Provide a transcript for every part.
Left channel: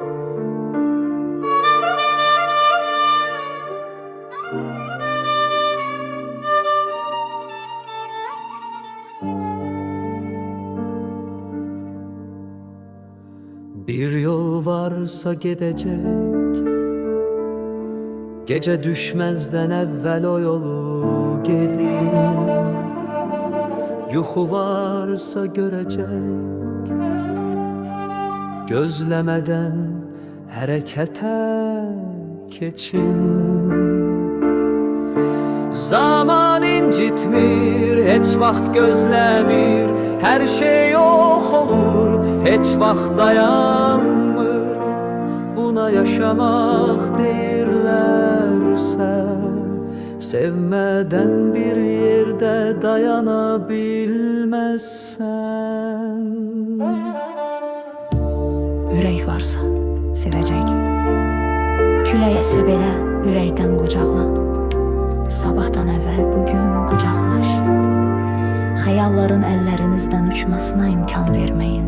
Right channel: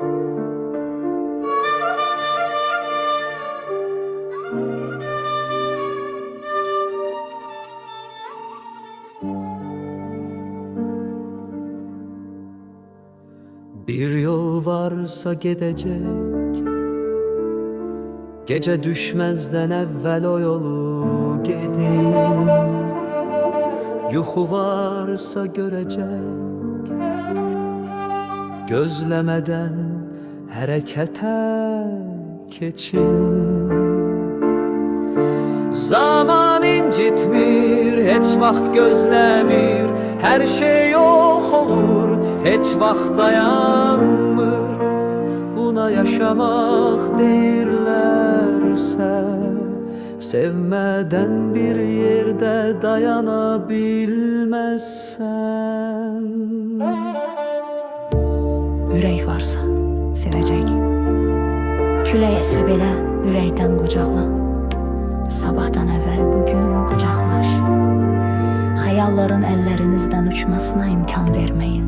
Bir yol varsa gidecek, gece düşmezden evvel o yolu gidin. Yuxu varsa görecek, gözlemeden harekete geçin. Zaman incitmir, heç vaxt gözlemir, her şey yok olur, heç vaxt dayanmır. Buna yaşamak deyirlerse, sevmeden bir yerde dayanabilmezsen. Ürək varsa sevəcək, külək əsə belə ürəkdən qucaqla. Sabahdan əvvəl bugün qucaqlaş. Xəyalların əllərinizdən uçmasına imkan verməyin.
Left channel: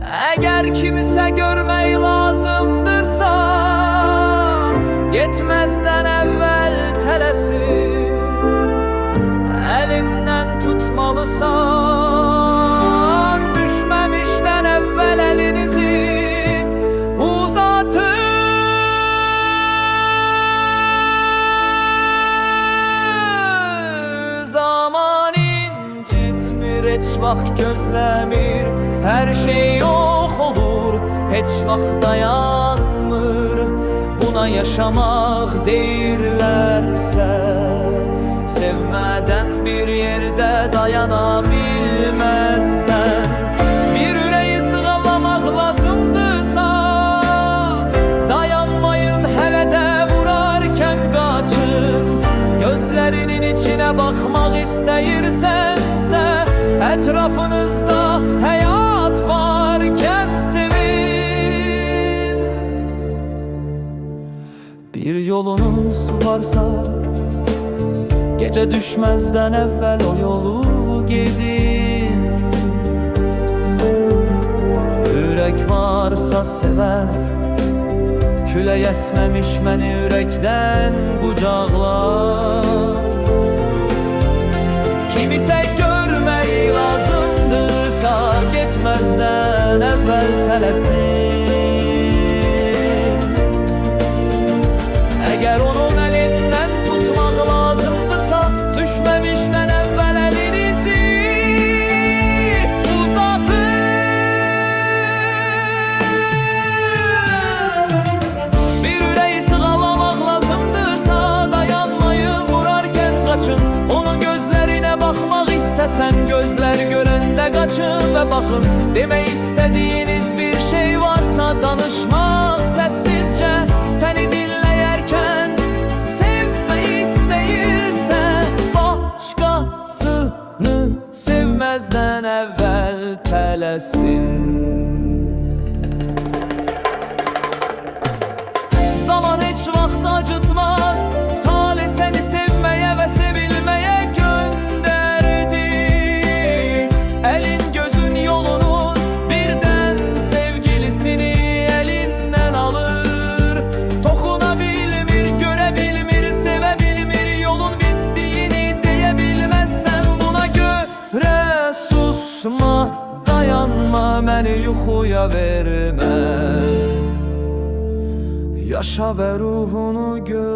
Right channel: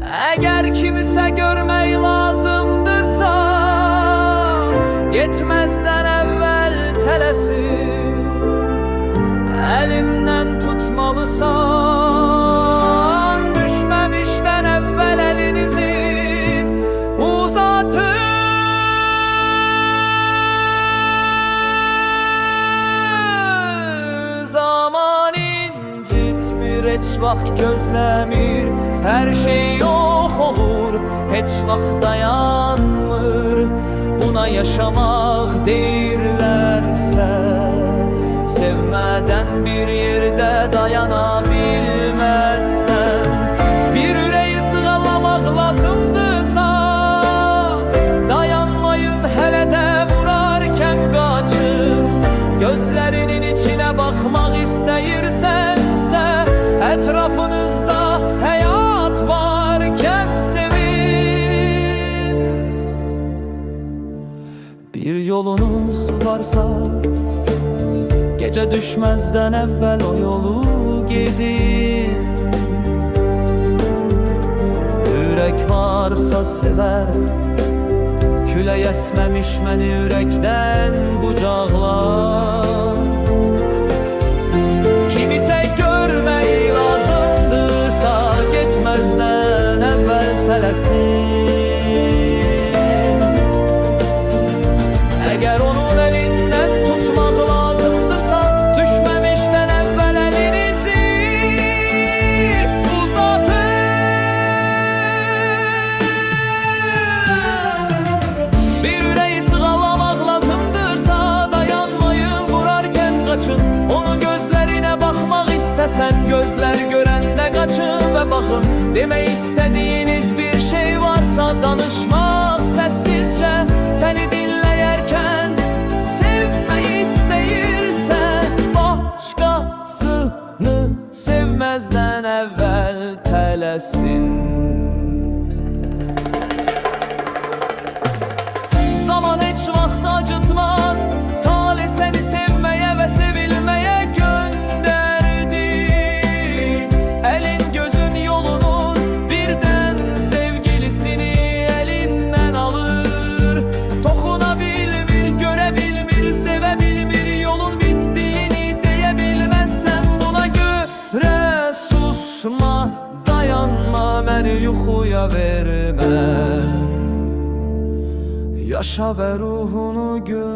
Eğer kimse görmək lazımdırsa, getməzdən əvvəl tələsin. Əlimdən tutmalısan, düşməmişdən əvvəl əlinizi uzatın. Zaman incitmir, heç vaxt gözlemir, her şey yok olur, heç vaxt dayanmır. Buna yaşamak deyirlerse, sevmeden bir yerde dayanabilmezsen. Bir yüreği sığalamak lazımdırsa, dayanmayın, hele de vurarken kaçın. Gözlerinin içine bakmak isteyirsense, etrafınızda hayat varken sevin. Bir yolunuz varsa, gece düşmezden evvel o yolu gidin. Yürek varsa sever, külək əsməmiş məni ürəkdən qucaqla. Kimisə görmək lazımdırsa, getməzdən əvvəl tələsin. Əgər onun əlindən tutmaq lazımdırsa, düşməmişdən əvvəl əlinizi kaçın. Onun gözlerine bakmak istesen, gözler görende kaçın ve bakın. Demek istediğiniz bir şey varsa, danışmak sessizce. Seni dinleyerken sevmeyi isteyirse, başkasını sevmezden evvel tələsin. Zaman hiç vaxt acıtmaz, talih seni sevmeye ve sevilmeye gönderdi. Elin gözün yolunun birden sevgilisini elinden alır. Dokunabilmir, görebilmir, sevebilmir, yolun bittiğini diyebilmezsen buna göre susma, dayanma, beni yuxuya verme. Yaşa ve ruhunu göster.